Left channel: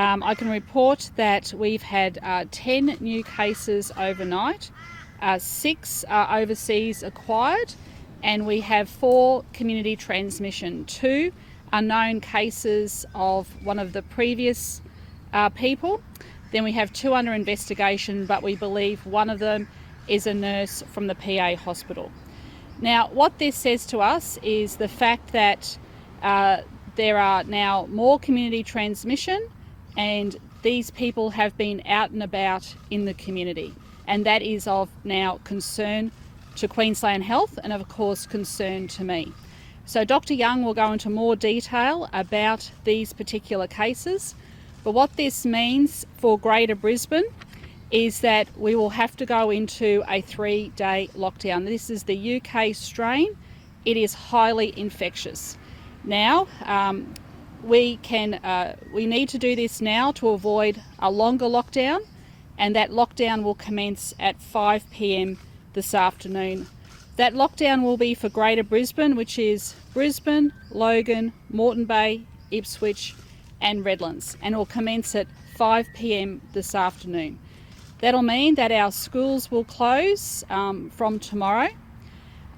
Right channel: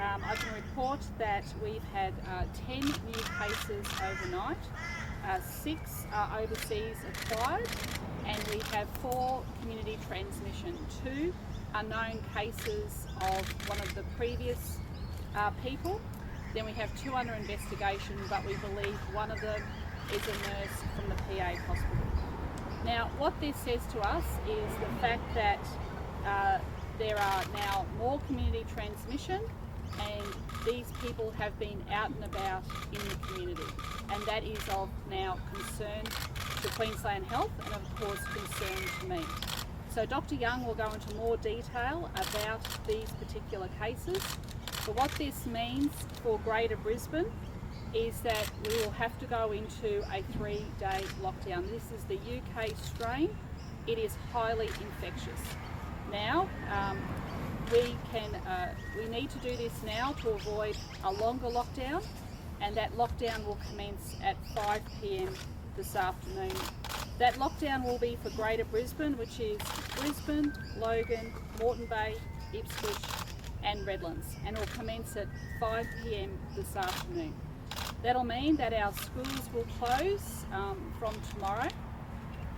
I can report that we've had 10 new cases overnight, 6 are overseas acquired, and we have 4 community transmission. 2 are known cases of one of the previous people. Then we have 2 under investigation, but we believe one of them is a nurse from the PA hospital. Now, what this says to us is the fact that there are now more community transmission, and these people have been out and about in the community, and that is of now concern to Queensland Health and of course concern to me. So Dr. Young will go into more detail about these particular cases, but what this means for Greater Brisbane is that we will have to go into a 3-day lockdown. This is the UK strain. It is highly infectious. Now, we need to do this now to avoid a longer lockdown, and that lockdown will commence at 5 p.m. this afternoon. That lockdown will be for Greater Brisbane, which is Brisbane, Logan, Moreton Bay, Ipswich and Redlands, and will commence at 5 p.m. this afternoon. That'll mean that our schools will close from tomorrow,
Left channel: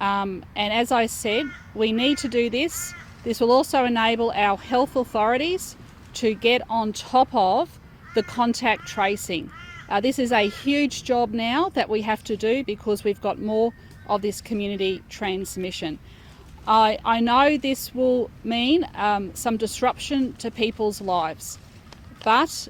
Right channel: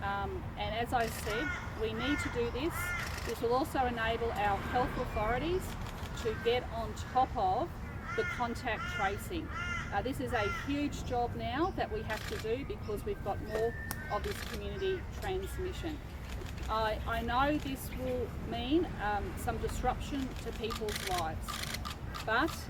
and as I said, we need to do this. This will also enable our health authorities to get on top of the contact tracing. This is a huge job now that we have to do because we've got more of this community transmission. I know this will mean some disruption to people's lives, but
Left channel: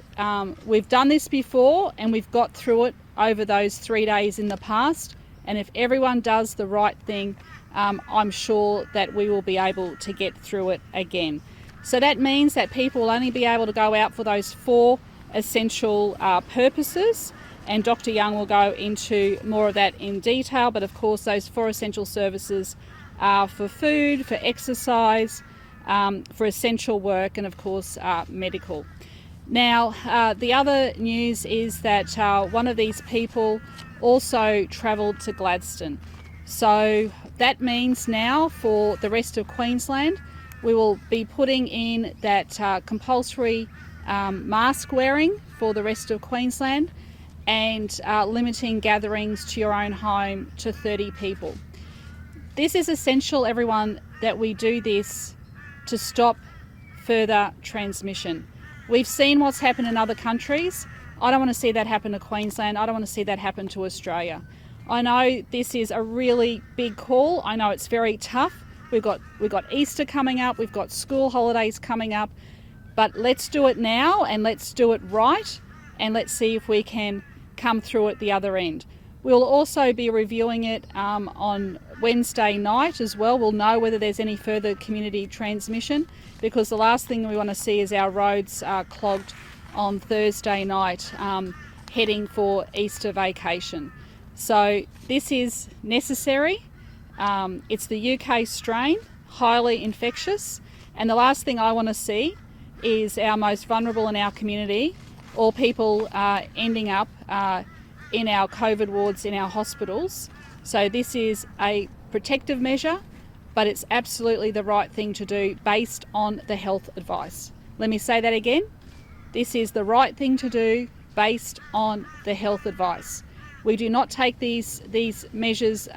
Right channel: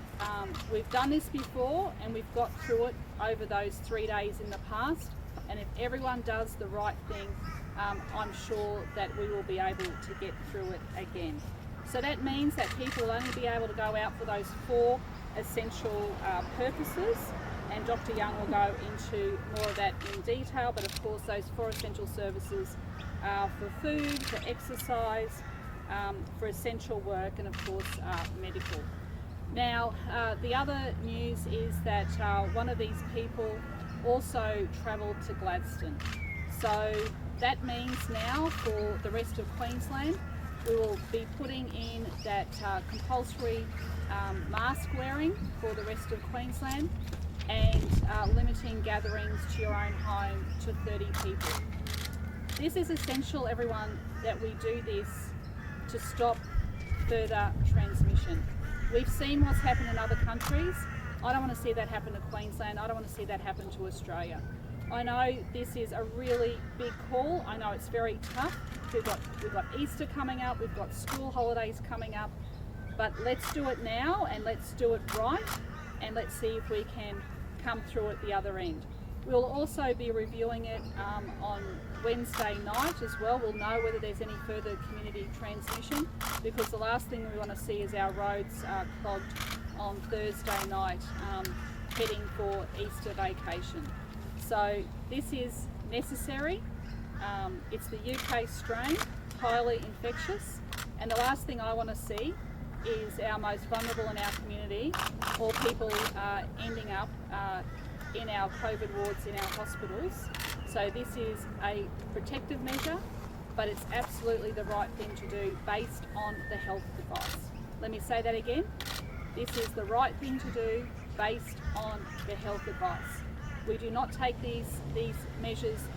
we've done this before and we've got through it over those 3 days in the past, and if everyone does the right thing, I'm sure that we will be able to get through it again. So that means that people will only be able to go out for those 4 essential purposes, and Dr. Young will go into more of that in detail, but of course those 4 essential services are for food, for exercise, for essential work, and of course medical. Now, the other news is that one of these people also travelled to Gladstone. So that means now for the rest of Queensland, we will be putting in that compulsory mask wearing for the rest of Queensland, and limiting gatherings to your own home to 30 people. This is essential, everyone, that we do this to stop further transmission. We've seen what's happened in other countries. I don't want to see that happen to Queensland. I don't want to see that happen to Australia. I know this is a really big call. I know it's very tough. We've got Easter coming up. We've got school holidays coming up. But let's do it now, and let's do it right, and let's see if we can come through at the other end. We'll also be reviewing it on Wednesday night as well. We'll know whether there's any further community transmission, because the last thing we want to see is our roads clogged on Thursday night heading for Easter vacation. So this is necessary. It's the UK strain, highly infectious, and the last thing I want to see is our most vulnerable in our community, or people ending up in our COVID wards in our hospitals. So this is a protective measure, but it's absolutely the right thing to do based on the health advice. Let me say that again. This is the right thing to do based on the health advice. We do not take these measures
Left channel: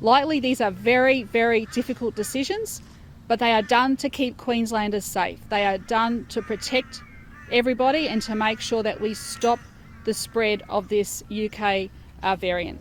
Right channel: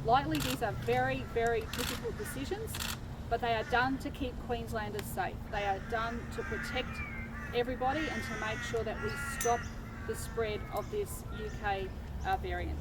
lightly. These are very, very difficult decisions, but they are done to keep Queenslanders safe. They are done to protect everybody and to make sure that we stop the spread of this UK variant.